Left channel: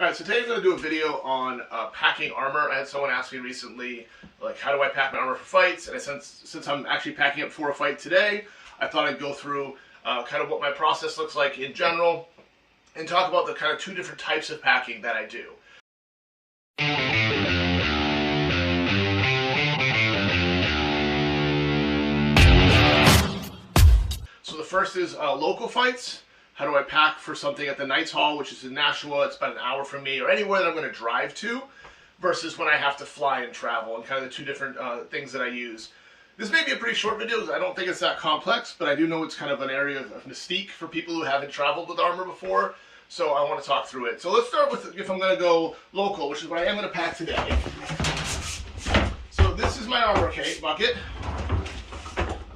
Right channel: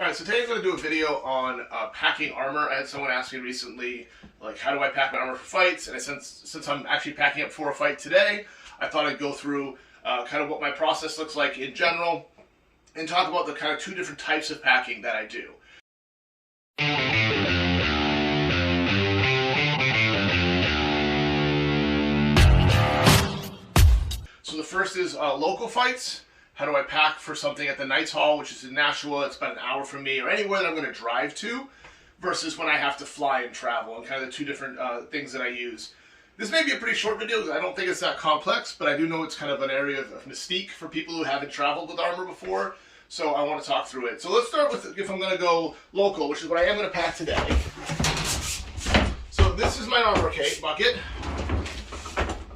Alright, so today I'm going to do a video on packing armor. I had someone ask me recently, like, how do I pack my armor for fights? And since I'm actually packing up for a fight today, I thought I'd go through kind of what my process looks like in general and talk about the kind of two different types of packing that I do. So the first is local fights. How do I pack for something at the Knights Hall, which is in Nashua? It's about an hour from me, or anywhere that I'm going to drive to, versus when I have to fly and travel, and kind of the two different things that I use. This may be a pretty short video because I don't think it's that complex, but I do know it's kind of an area of mystique for people who haven't traveled with armor before, so I want to talk through it. So let's start with if I'm going to go local, which is what I am going to pack today. So this is my armor bucket.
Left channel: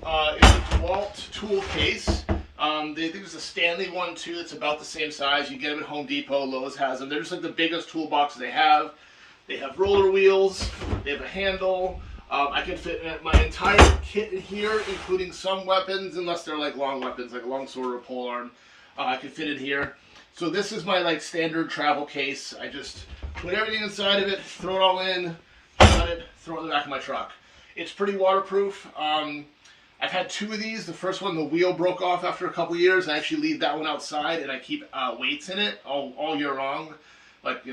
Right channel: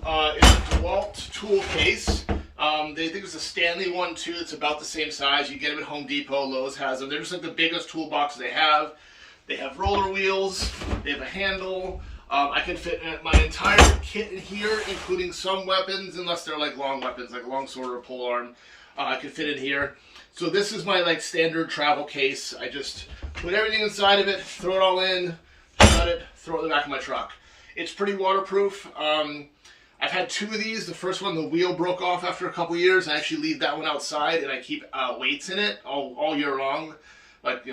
It's a DeWalt tool case. They think it's a Stanley one too. It's about the same size. You get them at Home Depot. Lowe's has them. They're just like the biggest toolbox they have. They have roller wheels. They have a handle. I can fit my entire kit in here, including some weapons, unless they're like long weapons, like a long sword or a polearm. I can fit in here. So this is my like standard travel case. I just put everything inside of it, throw it all in, shut it, throw it in the back of my truck. It's pretty waterproof. I've had two of these. The first one, the wheel broke off after a couple years. I actually leave that one outside, and I keep weights in it all year long, like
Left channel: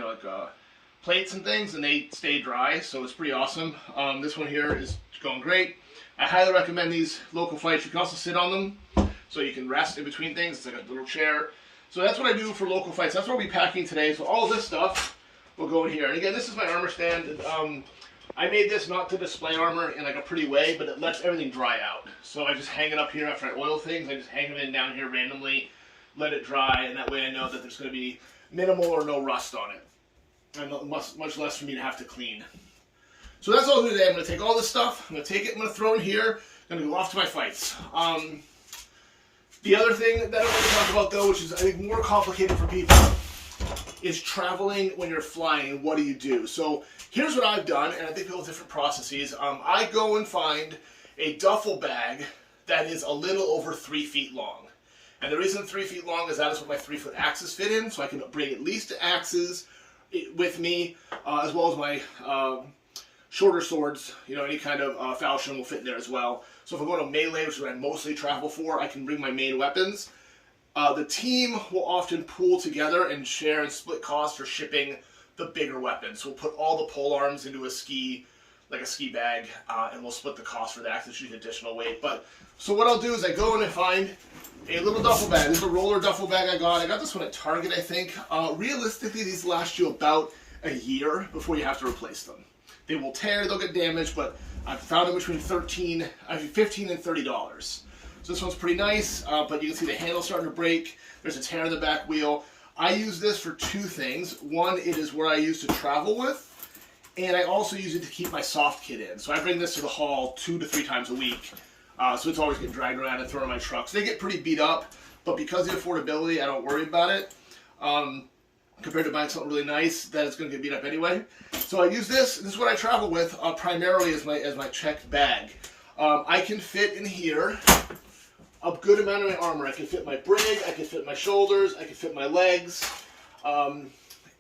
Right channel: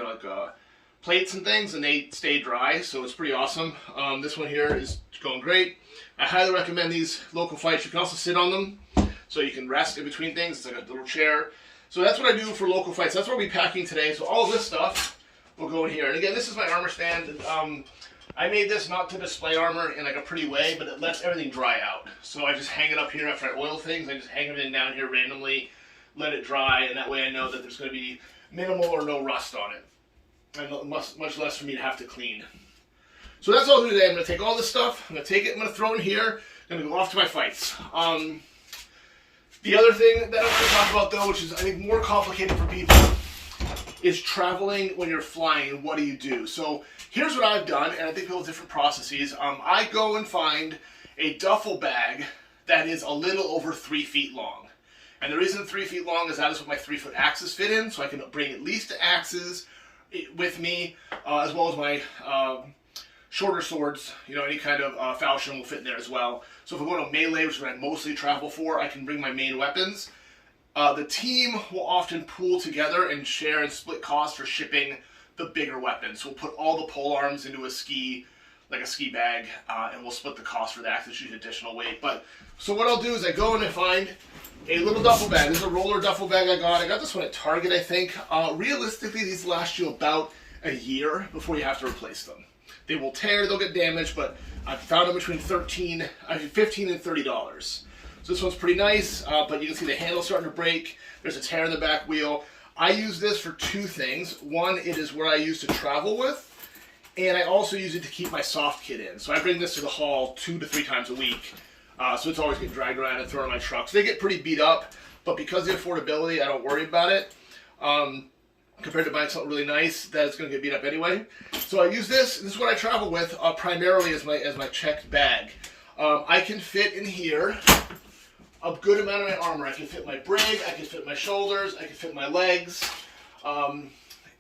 plates and things, and they stay dry. So it's pretty awesome. This one here is going great. I highly recommend these local fights. You can also sit on them, so you can rest in between things. It's like a little chair. So that's what I do for local fights. That's what we'll be packing today. So all of this stuff will go in here. And again, this is my armor stand. I made this not to display armor in like a pretty way, but it lets everything dry out. So I just hang it up here after I oil things. I just hang it in down here randomly, let it dry, and that way I know that there's going to be minimal or no rust on it. And much less for me to have to clean. So that's all I'll do today. I'm going to take all this stuff, I'm going to take it, I'm going to throw it in here, I'm going to go off to my fights. The other thing that I'm going to talk about though, which is I think more complicated for people, is traveling when you're flying and what do you do. So here's what I've done, and I think people have different processes. I go and find a duffel bag that is a little over 3 feet long. And the reason 3 feet long is that is what my 3-foot axes fit in, so I can bring at least axes with me, as well as my shorter swords. Any kind of falchion will fit in there as well. So if I go to melee, which is what I mostly travel for, I can bring my main weapons. The team will often pool together and share and split costs for shipping the bigger weapons. So we'll put all the pole arms into a ski bag, and we'll split the cost for that. It's usually additional weight. So what I'll do is I go and I find a little duffel bag. This is a roller duffel bag I got. I got this one at Target, I think. Realistically, these last you about a year before you have to replace them. They will tear, they'll get damaged, but I've found them between $15 and $30. So this one's pretty nice, but you can see the handle's starting to break. There's a tear in the back wheel. I use this for two things. One, it is where I use to travel with, and I also use it to keep my soft kit in. So I bring this to the hall 2 to 3 times a week. So it's always getting dragged around and thrown in my truck. So they get pretty beat up, but because of the affordability, I don't worry about it. Compared to buying something really nice that is going to get beat up anyway. So I use this. This is what I travel with primarily as my checked bag. I can fit in here a good amount of my armor. I can fit my brig, I can fit my shoulders, I can fit my legs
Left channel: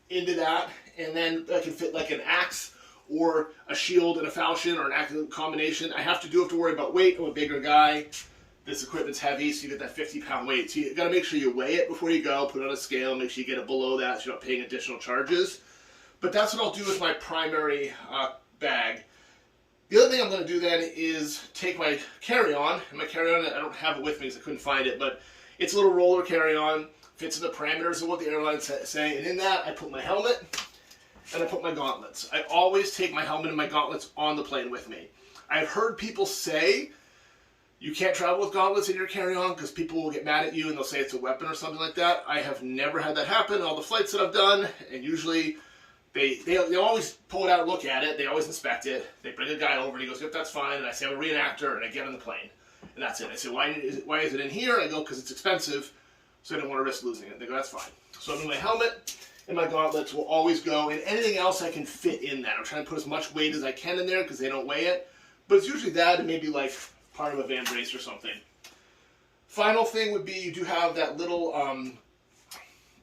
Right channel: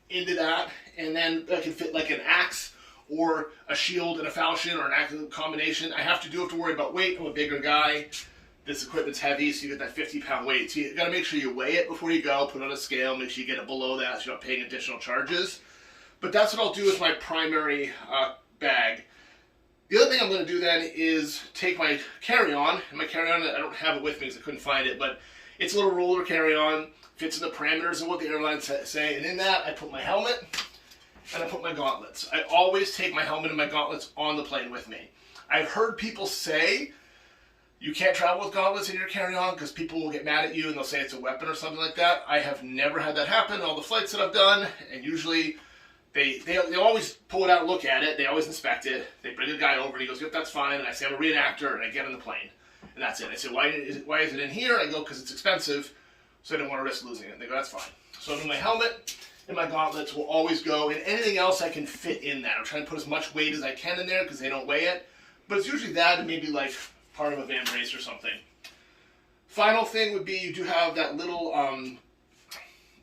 into that, and then I can fit like an axe or a shield and a falchion or an active combination. I have to worry about weight. I'm a bigger guy. This equipment's heavy, so you get that 50-pound weight. So you got to make sure you weigh it before you go, put it on a scale, make sure you get it below that so you're not paying additional charges. But that's what I'll do with my primary bag. The other thing I'm going to do then is take my carry-on, and my carry-on, I don't have it with me because I couldn't find it, but it's a little roller carry-on, fits in the parameters of what the airlines say, and in that I put my helmet and I put my gauntlets. I always take my helmet and my gauntlets on the plane with me. I've heard people say you can't travel with gauntlets in your carry-on because people will get mad at you and they'll say it's a weapon or something like that. I have never had that happen in all the flights that I've done, and usually They always pull it out and look at it. They always inspect it. They bring a guy over and he goes, "Yep, that's fine." And I say, "I'm a reenactor," and I get on the plane. And that's it. I say, why is it in here? I go, "Because it's expensive, so I didn't want to risk losing it." And they go, "That's fine." So my helmet and my gauntlets will always go, and anything else I can fit in that. I'm trying to put as much weight as I can in there because they don't weigh it. But it's usually that and maybe like part of a van brace or something. Final thing would be you do have that little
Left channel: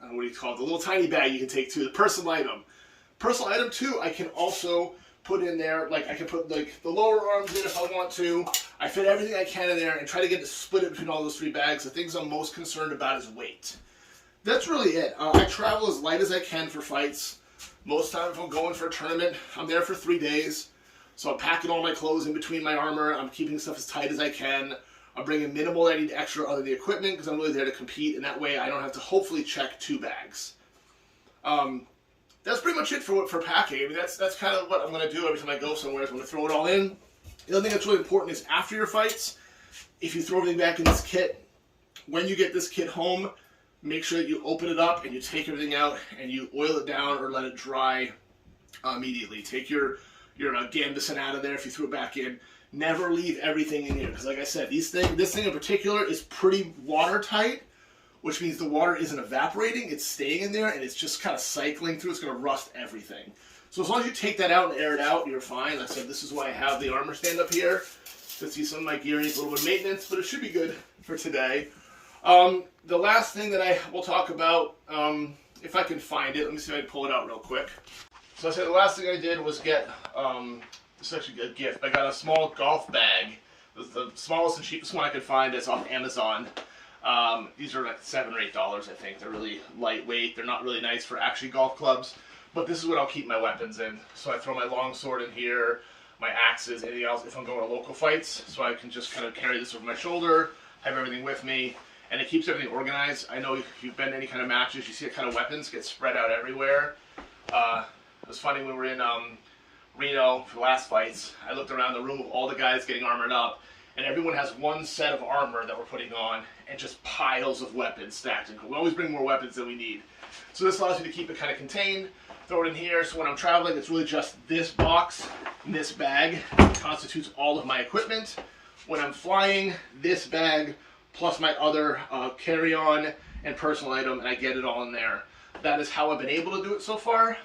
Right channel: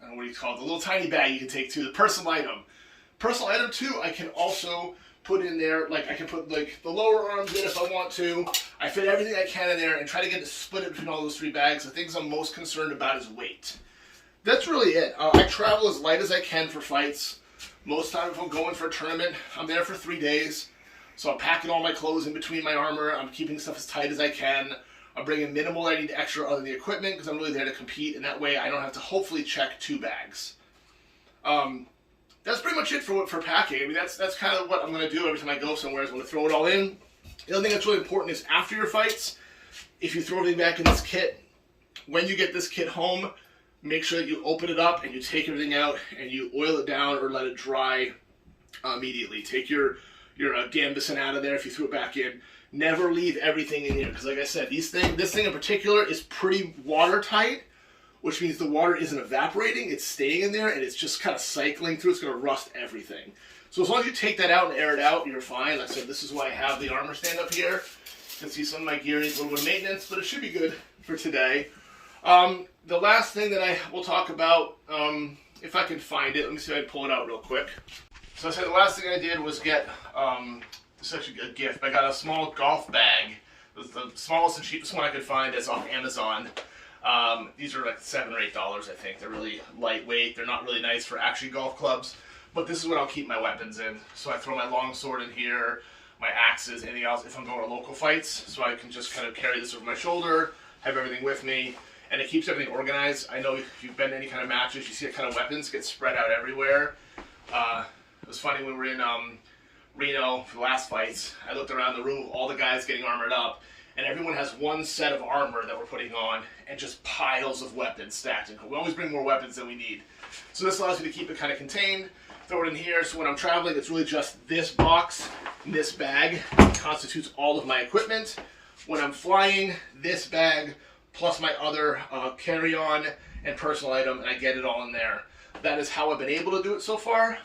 I don't know what you call it, the little tiny bag you can take too, the personal item. Personal item too, I can also put in there, like I can put like the lower arms in if I want to. I fit everything I can in there and try to get to split it between all those 3 bags. The things I'm most concerned about is weight. That's really it. I travel as light as I can for fights. Most time if I'm going for a tournament, I'm there for 3 days. So I'm packing all my clothes in between my armor. I'm keeping stuff as tight as I can. I'm bringing minimal I need extra other than the equipment because I'm really there to compete, and that way I don't have to hopefully check 2 bags. That's pretty much it for packing. I mean, that's kind of what I'm going to do every time I go somewhere is I'm going to throw it all in. The other thing that's really important is after your fights, if you throw everything back in this kit, when you get this kit home, make sure that you open it up and you take everything out and you oil it down or let it dry immediately. Take your Gambison out of there if you threw it back in. Never leave everything in here because, like I said, this thing in particular is pretty watertight, which means the water isn't evaporating, it's staying in there and it's just kind of cycling through. It's going to rust everything. So as long as you take that out and air it out, you're fine. Like I said, this is why I have the armor stand up here. You can see some of my gear needs a little bit of maintenance, but it should be good for today. The last thing that I will talk about, if I can find it, let me see if I can pull it out real quick. So I said the last thing I did was get, this is actually a gift. I got a small golf bag. It was the smallest and cheapest one I could find. It's off Amazon. These are like $7 or $8, I think. They're really lightweight. They're not really nice for actually golf clubs, but this is what I'll keep my weapons in. So I throw my long sword in here, my axes, anything else if I'm going to local fights. So I can just kind of carry this over my shoulder, have everything with me, and it keeps everything organized. I know if you've been to any kind of matches, you see that kind of weapons get spread out everywhere. It was funny when we were in Reno for the last fights. I looked around the room of all the guys getting armored up, and everyone has one set of armor that we're putting on, and just piles of weapons stacked. And we always bring more weapons than we need. So this allows me to keep it kind of contained, throw it in here, so when I'm traveling, it's really just this box and this bag constitutes all of my equipment. When I'm flying, this bag plus my other carry-on and personal item, and I get it all in there. That is how I've been able to do it so far.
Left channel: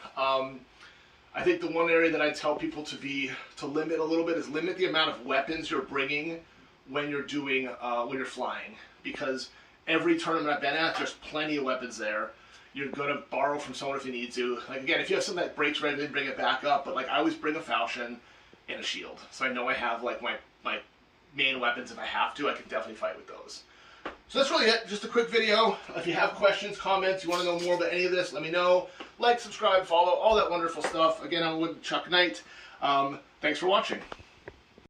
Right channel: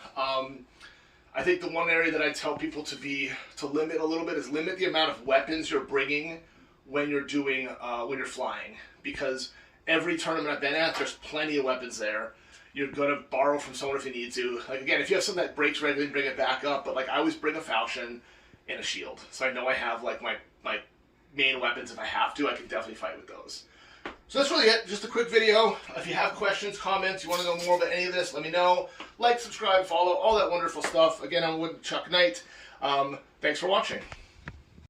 I think the one area that I tell people to limit a little bit is limit the amount of weapons you're bringing when you're doing when you're flying, because every tournament I've been at, there's plenty of weapons there. You're gonna borrow from someone if you need to. Like again, if you have something that breaks regularly, bring it back up. But like I always bring a falchion and a shield, so I know I have like my main weapons. If I have to, I can definitely fight with those. So that's really it. Just a quick video. If you have questions, comments, you want to know more about any of this, let me know. Like, subscribe, follow, all that wonderful stuff. Again, I'm with Chuck Knight. Thanks for watching.